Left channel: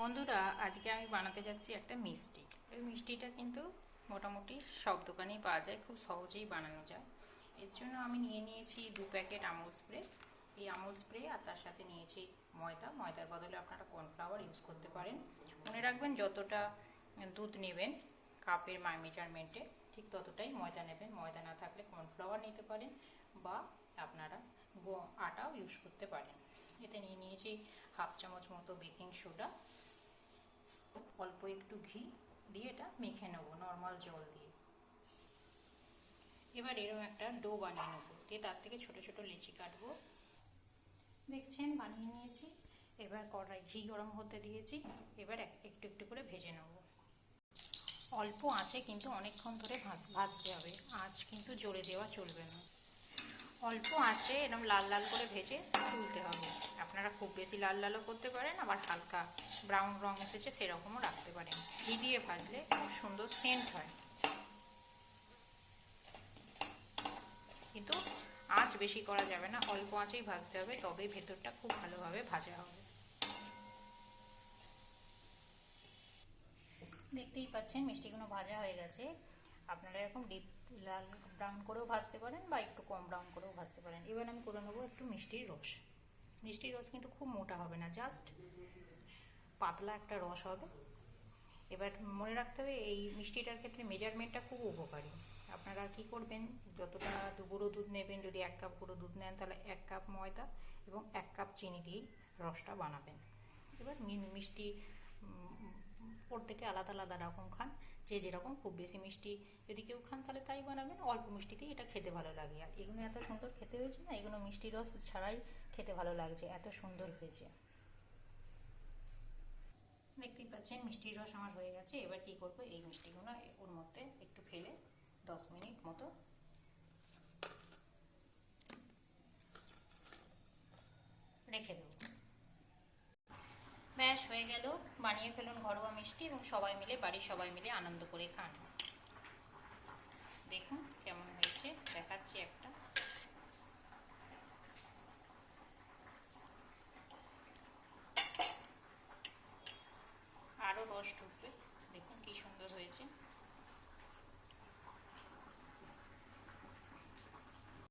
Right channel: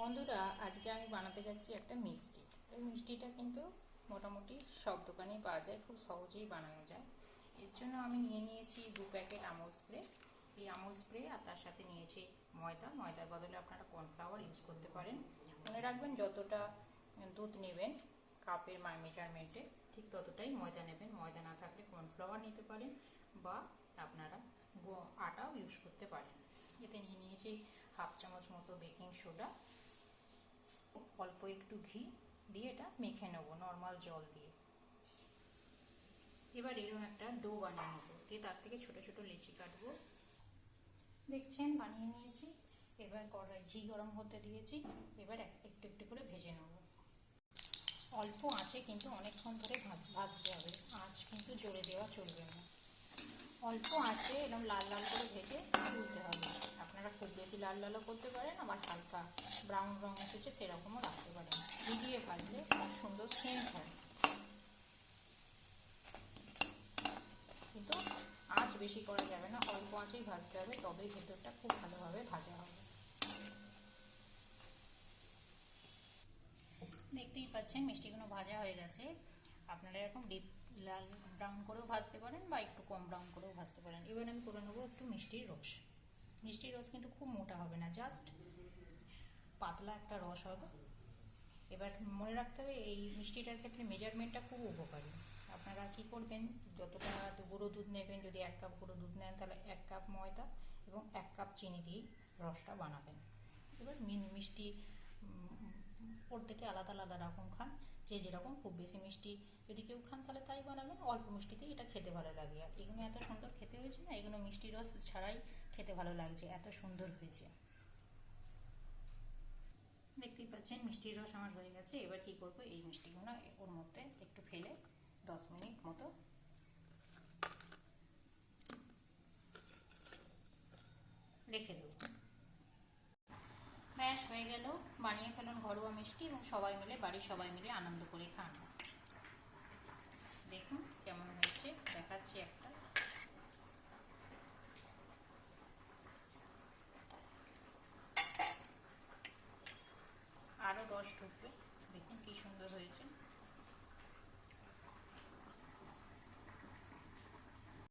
বন্ধুরা, আজকে আমি বানাতে যাচ্ছি একটা মিষ্টি। এই মিষ্টিটা কিন্তু মোটামুটি সব দোকানেই পাওয়া যায়, খুব সহজেই বানানো যায়। এর জন্য আমি নিয়েছি 2 প্যাকেট আমুল স্প্রে। এই আমুল স্প্রে আর তার সাথে নিয়েছি ময়দার বদলে আপনারা কর্নফ্লাওয়ার ইউজ করতে পারেন। মনে রাখবেন, যতটা দুধ নেবেন কাপের মেজারমেন্টে ঠিক ততটাই ময়দা নেবেন। ময়দা না থাকলে কর্নফ্লাওয়ার নিতে পারেন বা আপনারা আটাও ইউজ করতে পারেন। এতে নিয়েছি হাফ চামচ মতো বেকিং সোডা, অল্প একটু ঘি দিয়ে এটা মেখে নেব নর্মাল জল দিয়ে। এবার এরকম একটা ডো বানিয়ে নেব, দিয়ে তার থেকে ছোট ছোট লেচি কাটবো। দেখছেন, বানিয়ে নিয়েছি। এবার কড়াই ঘি গরম হতে দিয়েছি। এবার একটু একটু করে ভেজে নেব। অল্প আঁচে কিন্তু অনেকক্ষণ ধরে ভাজতে হবে। আঁচ কিন্তু জোরে দেওয়া চলবে না। অল্প আঁচে এরকম লাল লাল করে ভেজে তুলতে হবে। আপনারা খুব বেশি লাল লালও করতে পারেন, আবার হালকা ব্রাউন রং এসেছে সেরকমও রাখতে পারেন। ঘি দিয়ে ভাজলে খুব সুন্দর সেন্ট হয়, কিন্তু আঁচ বেশি করা যাবে না, অল্প আঁচেই ভাজতে হবে, তবে ভেতরটা খুব ভালোভাবে ভাজা হবে। দেখতেই পাচ্ছেন মিষ্টিগুলো ভাজা হয়ে গেছে। আপনারা এরকম ডিপ লাল ব্রাউন করেও ভাজতে পারেন বা একটু কম ব্রাউন করেও ভাজতে পারেন। এবার আমি করে নেবো একটু মিষ্টির রস। মিষ্টির রস কিন্তু খুব মোটা হবে না, জাস্ট পাতলা একটা রস হবে। এবার মনে রাখতে হবে, এই মিষ্টিটার ক্ষেত্রে মেজারমেন্টটা খুব উপকারী। আপনারা কি করবেন, যতটা গুঁড়ো দুধ নেবেন, যদি 1 কাপ গুঁড়ো দুধ নেন তাহলে 1 কাপ ময়দা এবং 1 কাপ চিনি দিয়েই রসটা বানাবেন। এবার মিষ্টি প্রত্যেকে আলাদা আলাদা রকম খান, যে যেরকম। খুব বেশি মিষ্টি যদি কেউ খান তাহলে তাই বানাবেন, অল্প মিষ্টিতেই এটা খেতে ভালো লাগে। আর এগুলো এত সুন্দর খেতে হয়েছে না, এগুলো মিষ্টি রস ছাড়াই খেতে ভালো লাগছে, এত সুন্দর হয়েছে। দেখতেই পাচ্ছেন মিষ্টির রস আমার হয়ে গেছে। এবার কি করব, এই মিষ্টিগুলো ওর মধ্যে একটু ফেলে 10 মিনিট মতো রেখে দেব। ব্যাস হয়ে গেল, বানিয়ে ফেলুন ঘরোয়া মিষ্টি এবং বাড়ির সবাই মিলে আনন্দ করে খান। দেখুন কেমন হয়েছে, দেখাচ্ছি একটা। আরও রস ঢুকবে, দেখুন কি সুন্দর হয়েছে।